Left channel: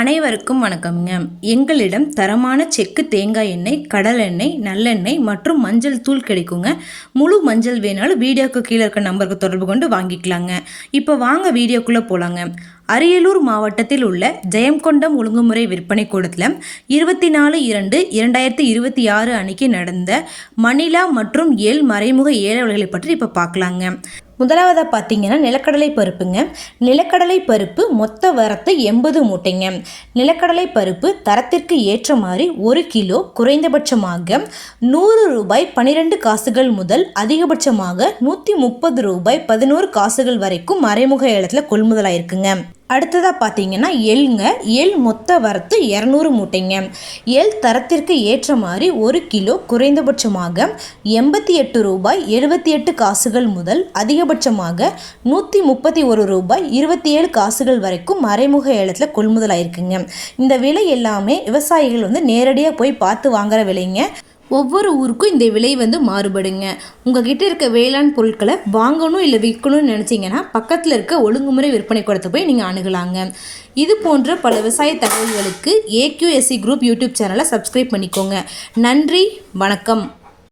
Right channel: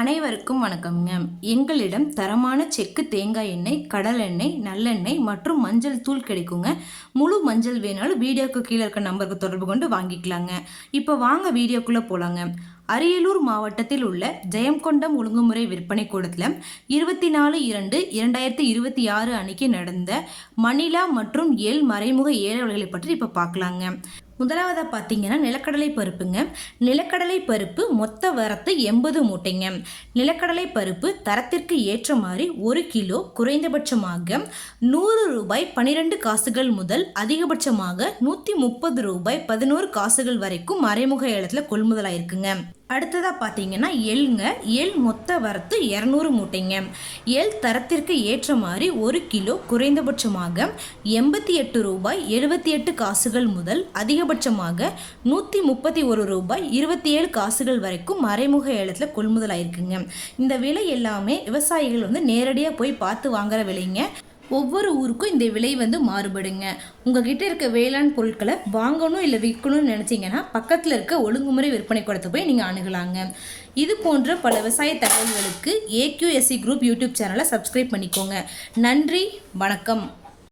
அனைவருக்கும் வணக்கம்ங்க. எங்களிடம் தரமான செக்கு தேங்காய் எண்ணெய், கடல் எண்ணெய், நல்லெண்ணெய் மற்றும் மஞ்சள் தூள் கிடைக்குங்க. முழு மஞ்சள் வேணாலும் வீடியோக்கு கீழே இருக்க நம்பருக்கு தொடர்பு கொண்டு வாங்கிக்கலாங்க. இப்போ வாங்க வீடியோக்குள்ளே போகலாங்க. அரியலூர் மாவட்டத்தில் உள்ள ஜெயங்கொண்டம் ஒழுங்குமுறை விற்பனை கூடத்தில் 24/2/2026 அன்னைக்கு நடந்த மணிலா மற்றும் எள் மறைமுக ஏலவர்களை பற்றி இப்போ பார்க்கலாங்க. முதலாவதாக பார்த்தீங்கன்னா நிலக்கடலை பருப்புங்க. நிலக்கடலை பருப்பு மொத்த வரத்து 80 மூட்டைங்க. நிலக்கடலை பருப்பு தரத்திற்கு ஏற்ற மாதிரி 1 கிலோ குறைந்தபட்சமாக 100 ரூபாய் 12 காசுகள் முதல் அதிகபட்சமாக 130 ரூபாய் 11 காசுகள் வரைக்கும் மறைமுக ஏலத்தில் கொள்முதலாயிருக்குங்க. அடுத்ததாக பார்த்தீங்கன்னா எள்ளுங்க. எள் மொத்த வரத்து 200 மூட்டைங்க. எள் தரத்திற்கு ஏற்ற மாதிரி 1 கிலோ குறைந்தபட்சமாக 88 ரூபாய் 78 காசுகள் முதல் அதிகபட்சமாக 131 ரூபாய் 27 காசுகள் வரைக்கும் மறைமுக ஏலத்தில் கொள்முதலாயிருக்குங்க. இந்த விலை எல்லாமே விவசாயிகள் நேரடியாக போய் பார்த்து வாங்குற விலைங்க. ஒவ்வொரு ஊருக்கும் இந்த விலை மாறுபடுங்க. உங்ககிட்ட இருக்க வேளாண் பொருட்களை வாங்கணும் இல்லை விற்கணும்னு நினச்சிங்கன்னா பக்கத்தில் இருக்க ஒழுங்குமுறை விற்பனை கூடத்தை போய் நீங்கள் அணுகலாங்க. இது போன்ற பல விவசாய தகவல்களுக்கு AQSC குரூப் யூடியூப் சேனலை சப்ஸ்கிரைப் பண்ணிக்கோங்க. நன்றி, வணக்கம்.